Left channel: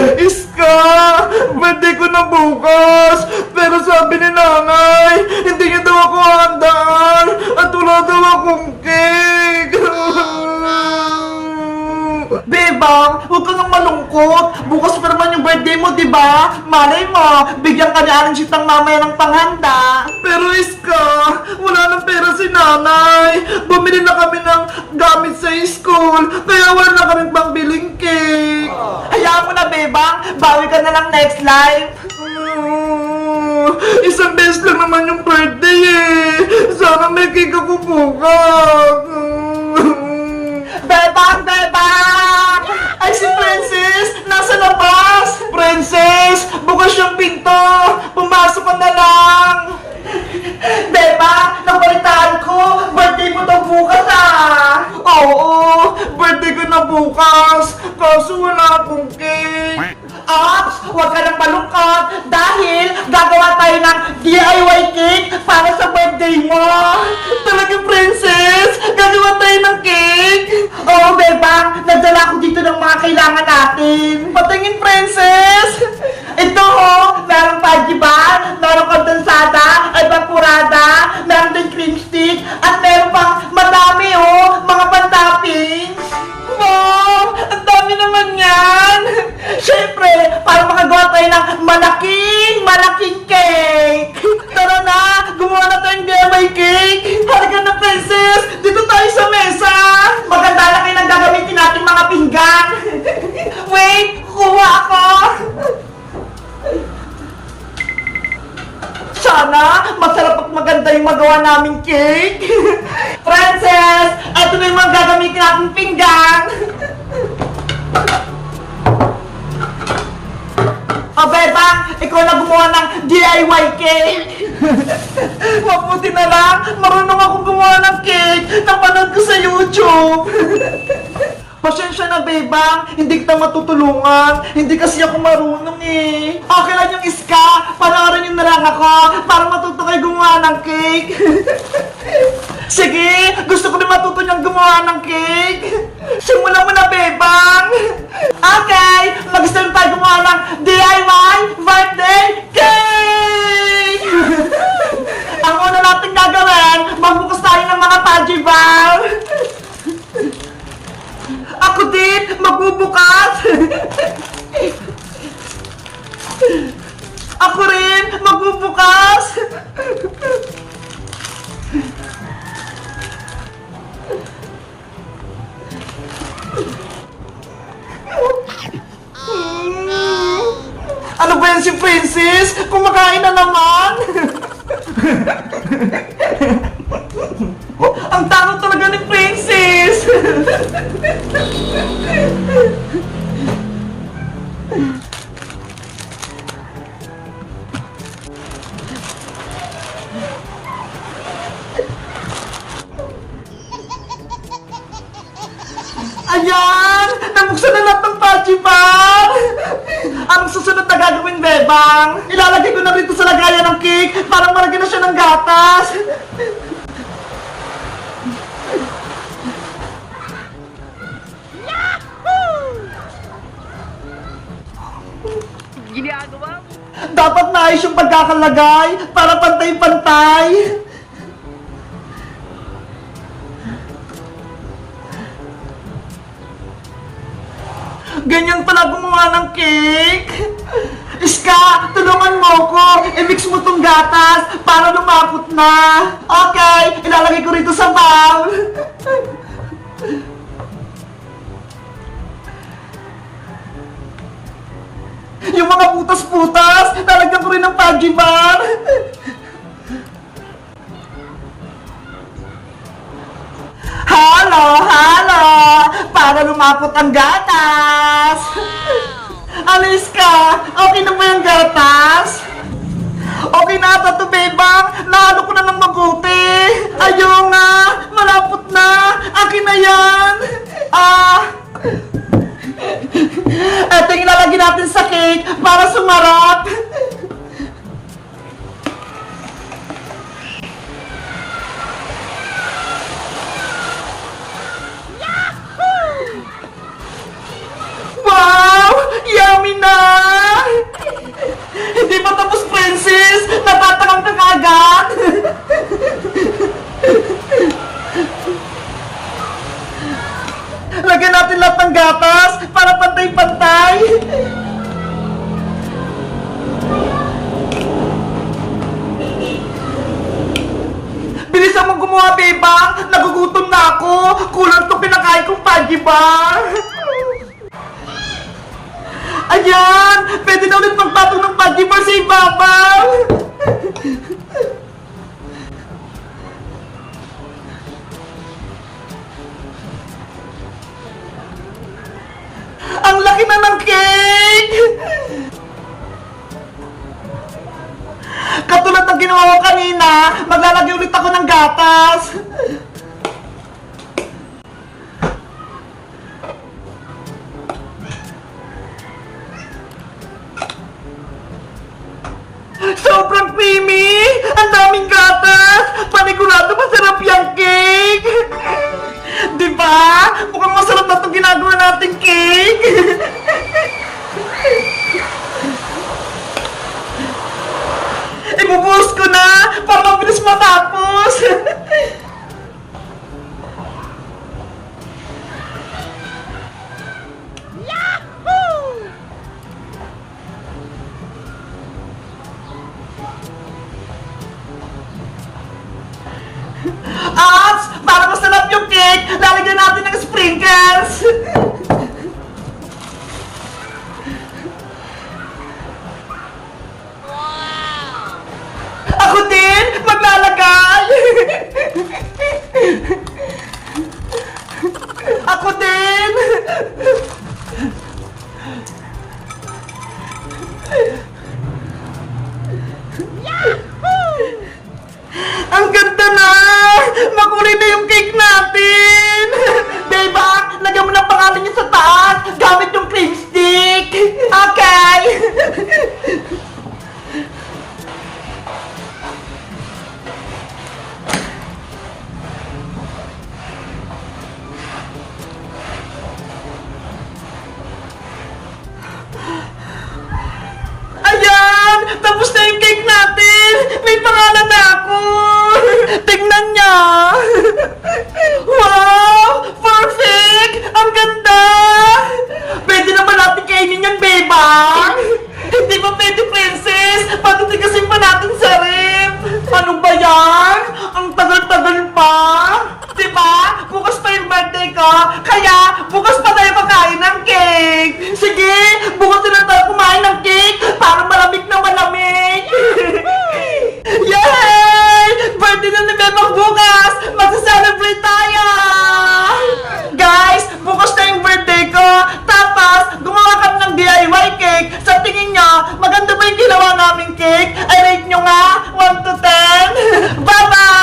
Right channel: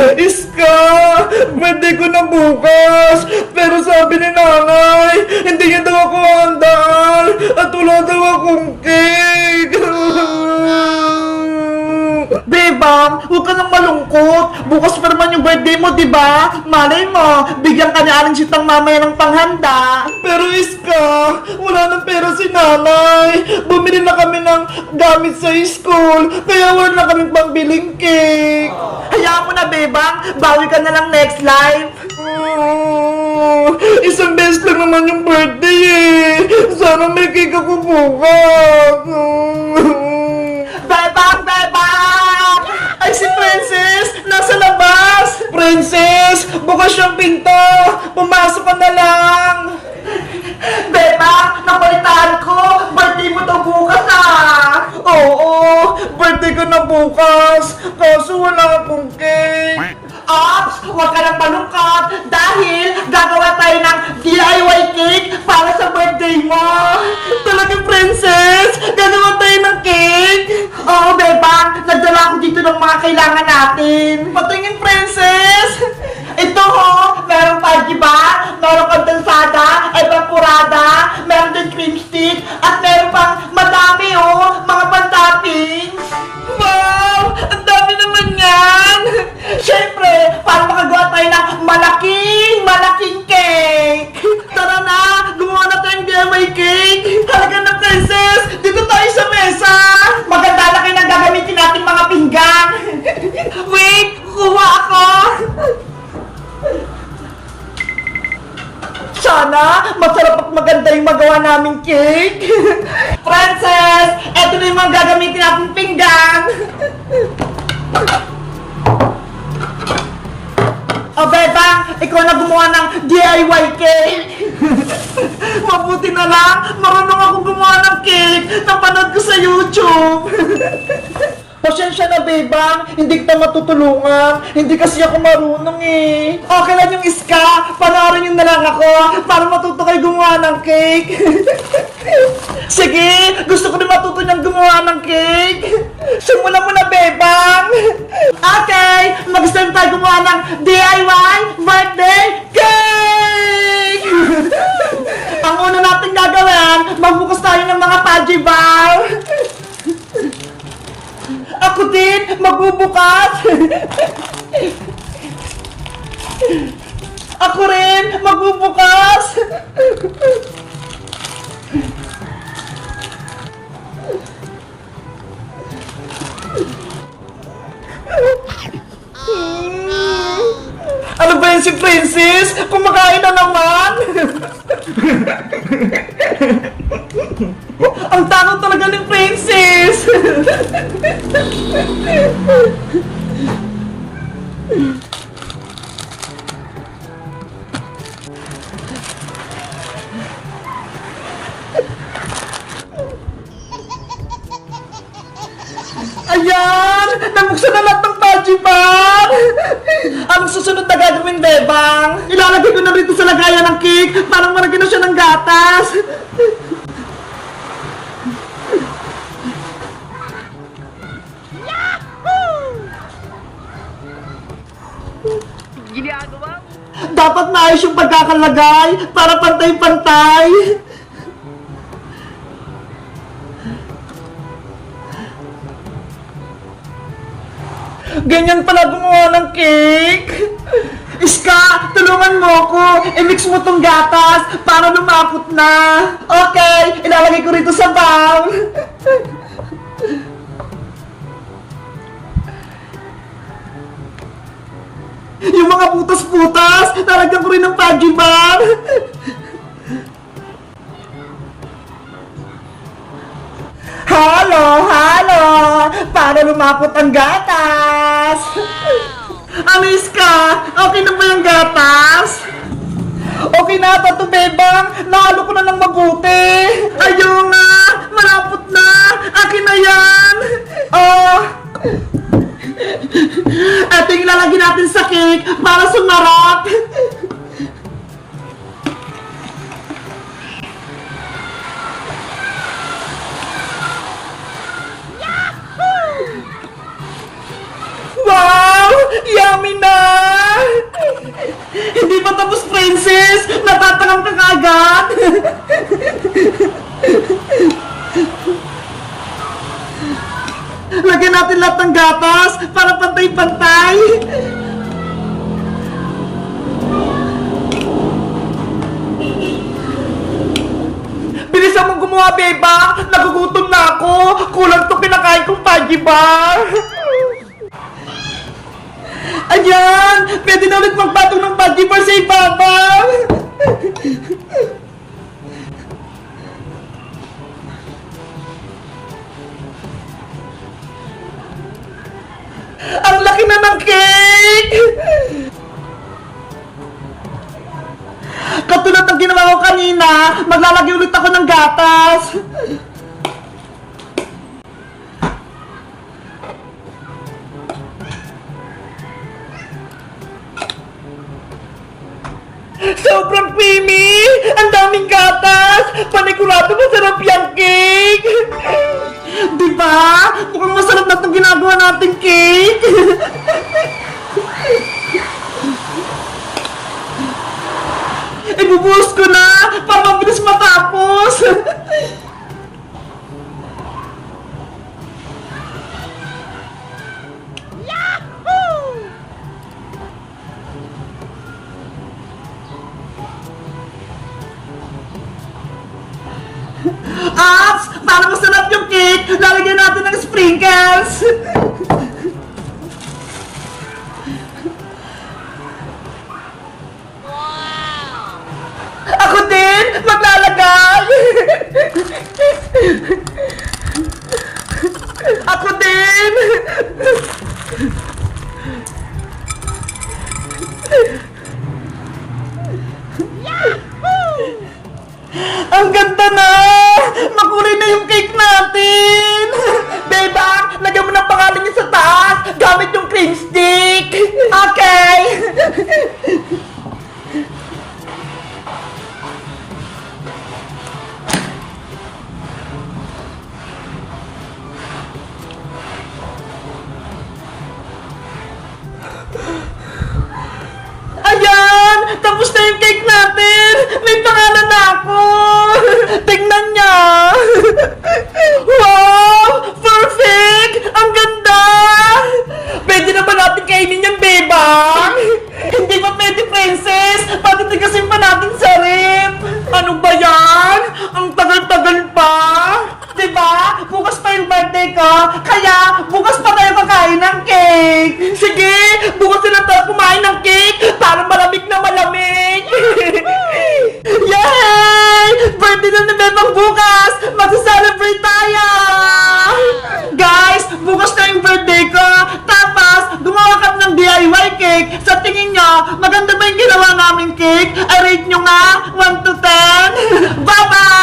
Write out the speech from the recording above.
Iska! Birthday ko na bukas! Pero sabi ni nanay, hindi niya daw ako handaan at wala daw akong cake! Bebang, huwag ka nang malungkot. Bukas pa naman yung birthday mo, di ba? Malay mo, bigyan ka niya aling sitang mamaya ng panghanda. Pero Iska, wala nang pera si nanay. Bumili na kami ng gamit sa school, kaya wala na kaming pangbiling cake. Hayaan mo na, Bebang. Bawi ka na lang next life. isang beses lang naman yung birthday eh. Sana may cake ako bukas. Bebang! Bebang! Ay, si Princess! Nasa labas! Princess! Bukas yung pinto! Pumasok ka na lang! Beba, nabalitaan ko! Birthday mo daw bukas ah! Oo, birthday ko na bukas! Kaso wala akong cake! Ops, huwag ka nang malungkot dahil gagawa tayo ng DIY cake para sa birthday mo! Talaga, princess! Gagawa tayo ng! Oo, Bebang! Nagdala ako dito ng mga kailangan natin! Patingin, princess! Ito ho! Merong pajiban, merong kondensada, ay pampurada, meron din cream stick, at meron pang madami oh! Mga pantoppings! Wow! Ang dami naman yan! Siyempre, para makagawa tayo ng malaking, malaking cake! Tara na! Gumawa na tayong DIY cake! Halika na, princess! Sana, masarap at maganda yung magawa naming cake! Princess! Eto na yung mga gagamitin natin pinggan! O, Bebang, ikaw na gumawa ng DIY cake! Mabuti na lang, marunong ako gumawa ng cake! Napanood ko sa YouTube! Pasensya na, Bebang, hindi kita matutulungan. Hindi kasi ako marunong eh. Okay lang yung iska, panoorin niyo na lang ako para matuto kayo gumawa ng cake. Sige, gusto ko rin matuto niyang gumawa ng cake. Simulan mo na, Bebang. Okay, mag-start tayo gumawa ng DIY birthday cake! Ang una natin gagawin, magbukas tayo ng mga Paji bar. Ako din, magbubukas. Ako rin, magbubukas. Ano ba yan si Princess? Kumakain na naman! Ang takot talaga ni Princess! Ayan! Nabuksan na lahat ng Paji Bar! Ang susunod na gagawin, Bebang, ilalagay ko na rito sa lagayan ng cake para maragyan na siya ng gatas. Ginagawa mo? Dapat maayos yung pagkakalagay para pantay-pantay. Ganyan pala gumawa ng cake. Iska, tulungan mo ko. I-mix mo tong gatas para lumapot na. Okay, ilalagay ko rito sa bowl. Yung mga putas-putas, talagyan ko rin ng Paggi Bar. Halo, halo! Para lumapot ang gatas! Alis ka! Okay na ba yung gatas? Okay na ata to, Bebang! Nalo ko na ng mabuti! Ayaw nga! Malapot na! Akin na yan! Ah! At yung ilalagay natin sa cake para sumarap. wow! Yummy na! Hindi pa Princess! Natatakam ka agad! Lagyan natin lahat ng gatas pantay-pantay. Bilisan mong gumawa, beba! Nagugutom na ako! Kulang to kinakain kong Pudgy Bar! Ayan! Pwede na ulit magpatong ng Pudgy Bar sa ibabaw! Ginawa ko kanina, maglalagay ulit ako ng gatas. Apps! Para masarap yung cake, lalagyan natin ng sprinkles! Pangalan na ako! Tingnan niya! Wow! Perfect! Ang ganda! Pwede na ba natin kainin yan, beba? Hindi ba pwede, princess? Patitigasin pa natin sa rep! Ano ba yan? Ang tagal-tagal pa! Diba? Bukas pa yung birthday ko, kaya bukas pa tayo kakain ng cake! Sige! Bukas na tayo kumain ng cake para malamig na malamig! Yay! Birthday na ni Bebang bukas! Magsa-celebrate tayo! Guys, bukas na yung birthday ko! Tapos, gumawa kami ng DIY cake! Sa tingin nyo, maganda ba yung ginawa naming cake? I rate nyo nga! 1 to 10! Bye-bye!